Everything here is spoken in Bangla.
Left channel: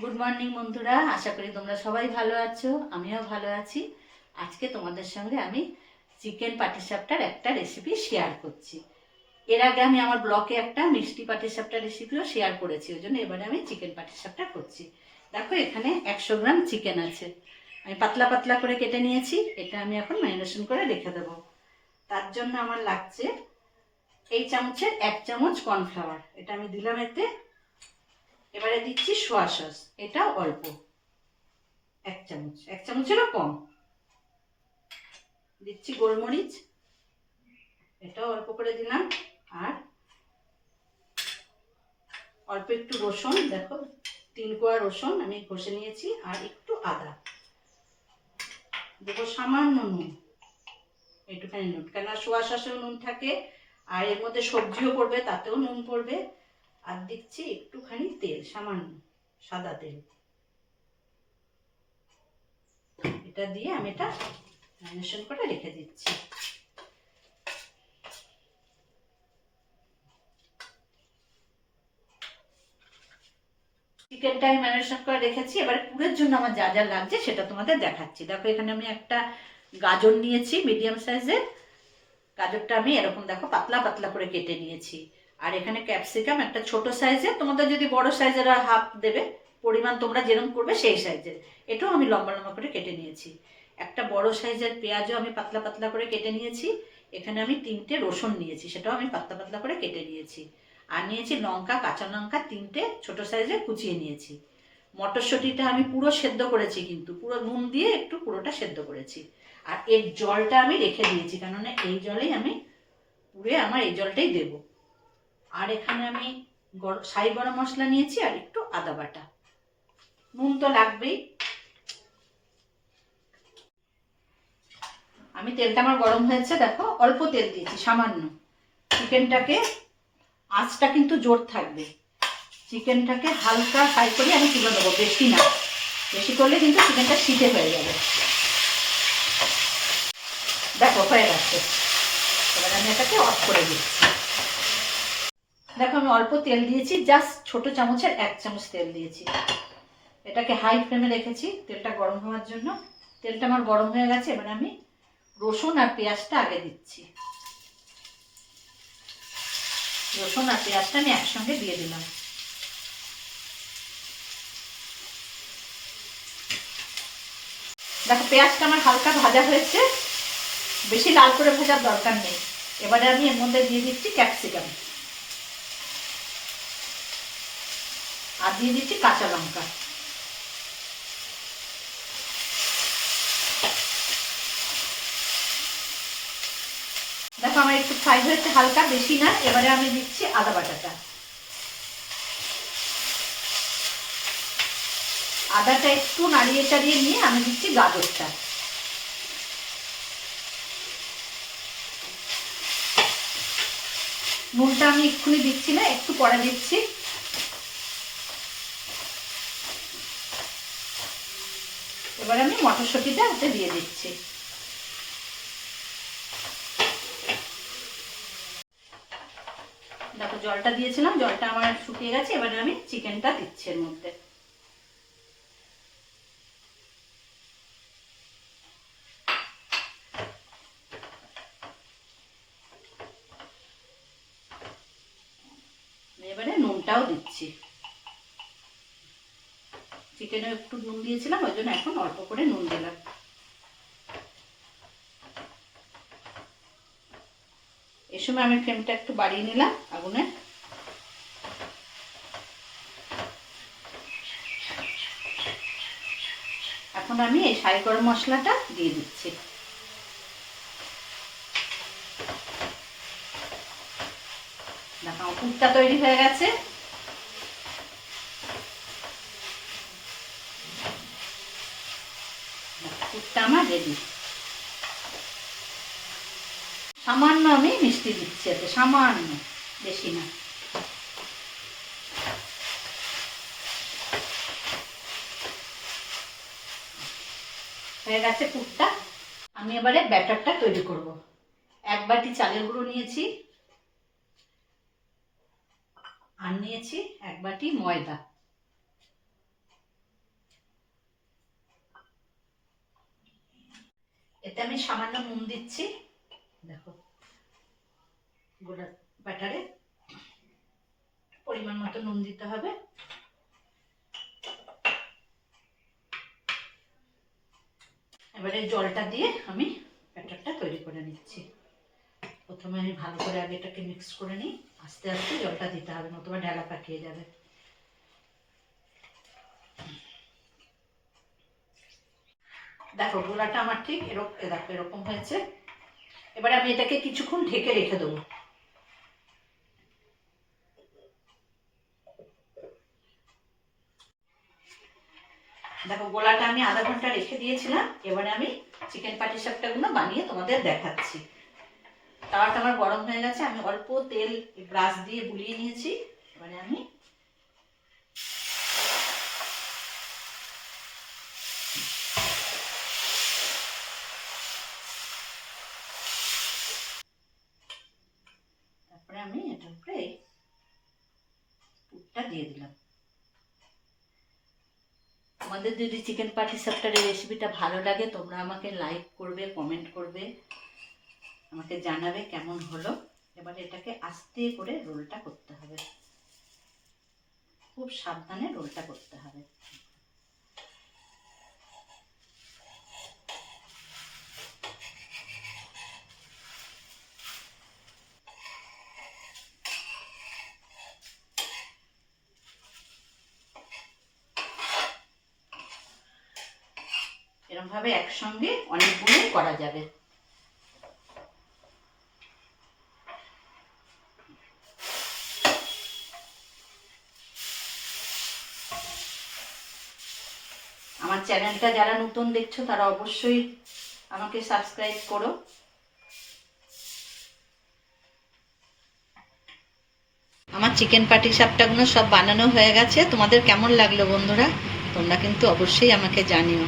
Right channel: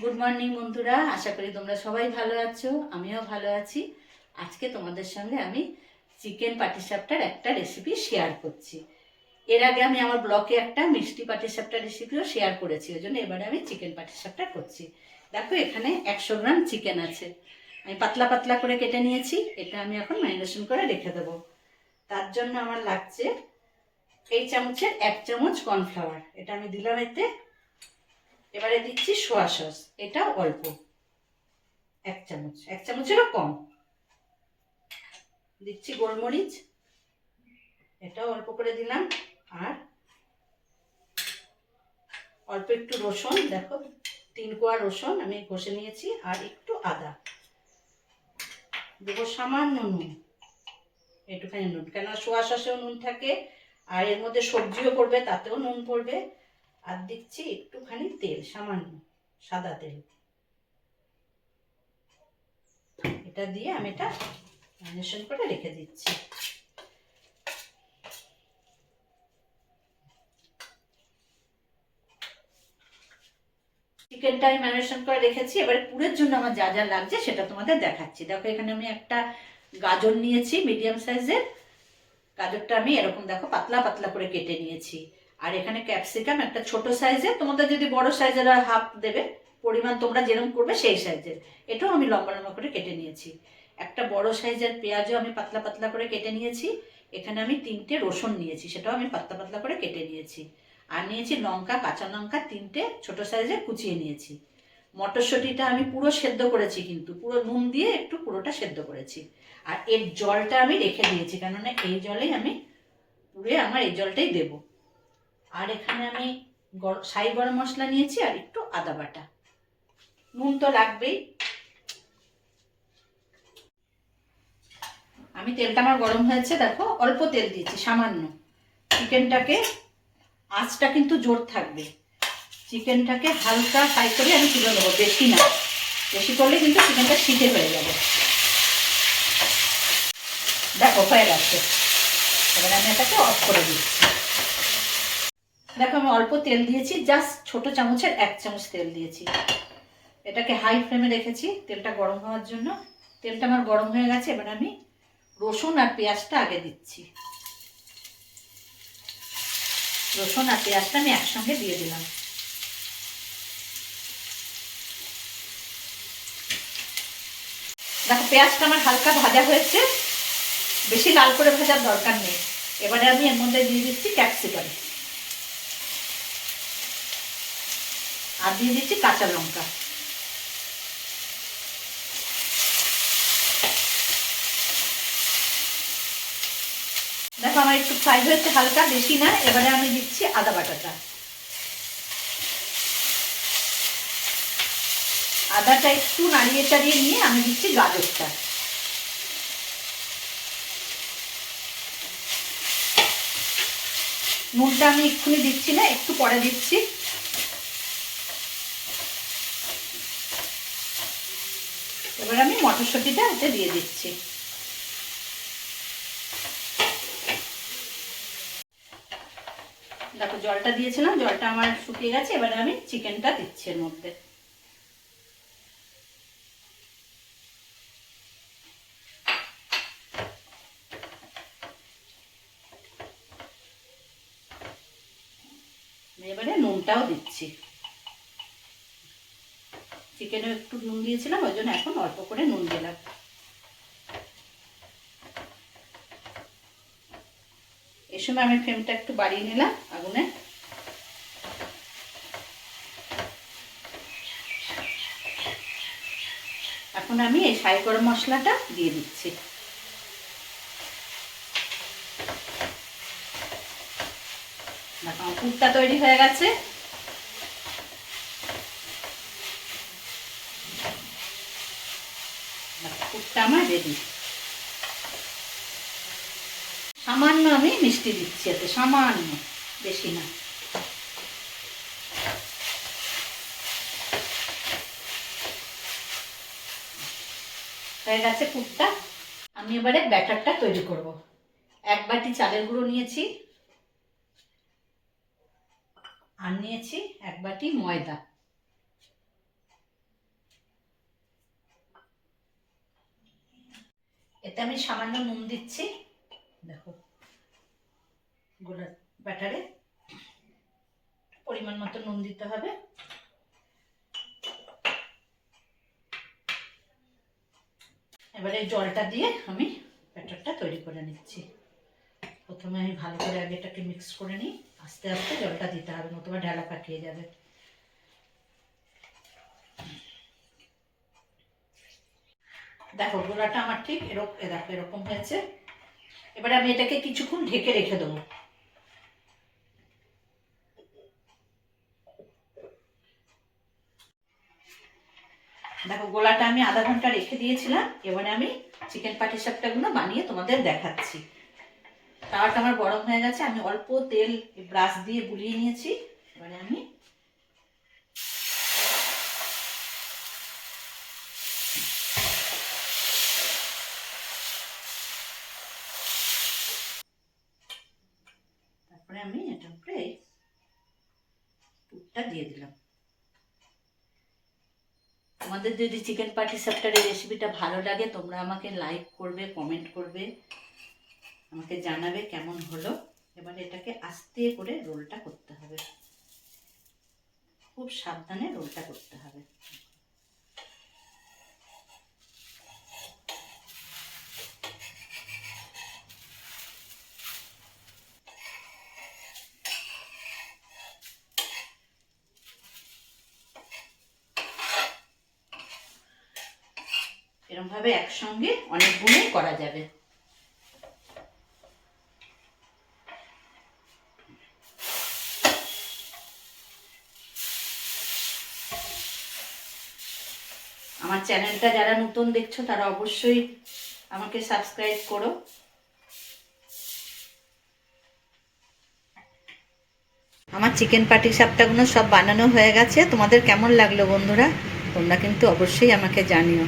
গুড মর্নিং বন্ধুরা, আশা করি তোমরা সবাই ভালো আছো। আমিও ভালো আছি। আজকে তোমাদের সঙ্গে আমি চিকেন পাটিসাপটার একটা রেসিপি শেয়ার করছি। এর আগে আমি আমার ব্লগে একটা মিষ্টি পাটিসাপটার রেসিপিও শেয়ার করেছি, ওই জন্য এবারে আমি চিকেন পাটিসাপটা করছি। দেখো, এখানে 100 গ্রাম চিকেন আছে। আমি পাতলা পাতলা করে কেটে নিয়েছি। এটা আমি এখন ম্যারিনেশন করে রেখে দেবো। তার জন্য আমার লাগছে এই চামচের 1 চামচ কর্নফ্লাওয়ার, এটা আমি দিলাম এতে। এবারে দিচ্ছি সোয়া সস, এটা অল্প, 1 চামচেরও কম। দিচ্ছি গোলমরিচ, এটাও অল্প করে দিলাম। আর অল্প একটু রসুন, দেখো 3 কোয়া রসুন আমি ঘষে নিয়েছি। আর একটু আদা দেবো, সামান্য নুন, একটুখানি নুন, কেন সোয়া সসেও নুন থাকে, আর এর মধ্যে সবজিও পড়বে, তাতেও নুন পড়বে। আর দিচ্ছি একটুখানি তেল, সামান্য সাদা তেল। এটা দিয়ে আমি এটা ম্যারিনেশন করে রেখে দিচ্ছি। চিকেনটা আমি ম্যারিনেশন করে রেখেছি। এবারে পুরের জন্য আমার যা যা লাগছে সেটা তোমাদের দেখাচ্ছি। দেখো, এখানে আমি একটা গাজর নিয়েছি মিডিয়াম সাইজের। গাজরটা আমি এরকম দেখো পাতলা পাতলা করে কেটে নিয়েছি। আর এখানে ক্যাপসিকাম একটা ছোট সাইজের, তোমাদের যদি বড় সাইজের হয় হাফ দেবে, পরিমাণ তোমরা যেরকম করবে সেই সাইজের। এটাও আমি লম্বা লম্বা করে কেটে নিয়েছি। একটা বড় সাইজের পেঁয়াজও আমি পাতলা পাতলা করে কেটে নিয়েছি। এখানে আমি 3টে রসুন নিয়েছি, সেটাও আমি পাতলা পাতলা করে কেটে নিয়েছি। আর নিয়েছি লঙ্কা, কাঁচা লঙ্কা 3টে ছোট সাইজে কুচিয়ে নিয়েছি। মটরশুঁটিটা আমি পুরো সেদ্ধ করেছি, কিন্তু পুরো নুন দিয়ে একটু পুরোটা সেদ্ধ করেছি। আর এর জলটা আমি রেখে দিয়েছি, কেননা এই জলেই আমি পুরে আমার এই জলটাই দেব। আর এখানে আমি শাহি গরম মশলা নিয়েছি আর একটু আদা বাটা। নুন তো লাগবেই। আমি তেলটা আমার গরম হয়েছে, দেখো অল্প তেল দিয়েছি, সামান্য। চিকেনটাকে আঁচটা কিন্তু জোর থাকবে। চিকেনটাকে হালকা ফ্রাই করে আমি তুলে নেবো, বেশি না। বেশি করলে কিন্তু চিকেনটা শীতে হয়ে যাবে। দেখো হয়ে গেছে। এবার আমি এটাকে অফ করে দিচ্ছি। দেখো, আমি অল্প তেল দিয়েছি, জাস্ট ছোট চামচের 1 চামচ তেল দিয়েছি। এটাকে হাই ফ্লেমে রেখেছি তেলটা গরম হওয়ার জন্য। তেলটা আমার গরম হয়ে গেছে। এবার আমি রসুন আর পেঁয়াজটা আগে দিচ্ছি। রসুন আর পেঁয়াজটা আমি একসঙ্গে দিয়ে দিলাম। দেখো, পেঁয়াজটা আমার হালকা ভাজা হয়েছে, বেশি লাল করে ভাজার দরকার নেই। এবারে আমি এর মধ্যে দিয়ে দিচ্ছি ক্যাপসিকাম, আর দিয়ে দিচ্ছি কাঁচা লঙ্কা। দেখো, আমার একটু ফ্রাই হয়েছে হালকা, বেশি না। এবারে আমি দিচ্ছি আদা বাটাটা। আদাটা একটু নাড়িয়ে চাড়িয়ে নিয়ে আমি দিচ্ছি গাজরটা। নুনটা আমি এক্ষুনি দিচ্ছি না, একটু পরে দিচ্ছি। এবার আমি মটরশুঁটিটা হাতে দিয়ে দিচ্ছি। দেখো, জলটা দিয়েছিলাম, জলটা আমার শুকিয়ে গেছে। এবারে আমি চিকেনটা দিচ্ছি এর মধ্যে। এবারে নুনটাও দিচ্ছি। চিকেনে একটু নুন দিয়েছিলাম, ওই জন্য এখন অল্প করে নুন দিলাম। এই সময় আমি ফ্লেমটা একটু বাড়িয়ে নিলাম আগুনে। এখন আমি এই শাহি গরম মশলাটা দিয়ে দিচ্ছি। দেখো, পুরটা তৈরি হয়ে গেছে। পুরটা আমার রেডি। সামান্য আমি মিষ্টি দিচ্ছি এতে, সামান্য, বেশি না। হয়ে গেছে পুরটা। আমি এবারে ব্যাটারটা তৈরি করব। 1 বাটি চালের গুঁড়ো নিয়েছি, আর নিয়েছি 1 বাটি ময়দা। এতে আমি সামান্য নুন দিচ্ছি। দেখো গোলা ব্যাটারে পরিমাণ মতো নুন দিতে হবে। এবারে জলটা দিয়ে আমি ব্যাটারটা তৈরি করে নিচ্ছি। প্রথমে আমি ভালো করে আগে এটাকে মিক্স করে নিই, আস্তে আস্তে জলটা দিতে হবে, নতুবা ঢালা পাকিয়ে যাবে। দেখো গোলাটা আমার ঠিক দেখো এরকম হয়েছে। এবারে আমি এটাকে কিছুক্ষণ ঢেকে রেখে দেবো। দেখো গোলাটা আমি আধা ঘন্টা রেখে দিয়েছিলাম। এবারে আমি চিকেন পাটিসাপটাগুলো বানিয়ে তোমাদের দেখাচ্ছি। তাওয়াটা আমার গরম হয়ে গেছে, আমি অল্প তেল ব্রাশ দিয়ে বুলিয়ে নিয়েছি। এবারে আমি এটার উপরে পুরটা দিয়ে দিলাম। তোমাদের যদি চিকেন পাটিসাপটার এই রেসিপিটা ভালো লাগে, তোমরা আমাকে লাইক করবে, কমেন্ট করবে, আমাকে জানাবে কেমন হলো। এবারে এটাকে আস্তে করে রোলটা করতে হবে, খুব সাবধানে রোলটা করতে হবে। এরকম ভাবে একসঙ্গে অনেকগুলো করা যাবে। আমার চ্যানেলটা যারা নতুন দেখছো তারা অবশ্যই আমাকে সাবস্ক্রাইব করো। আমার চিকেন পাটিসাপটাগুলো সব বানানো হয়ে গেছে। তোমাদের কেমন লাগলো বন্ধুরা? তোমরা কিন্তু অবশ্যই আমাকে জানিও।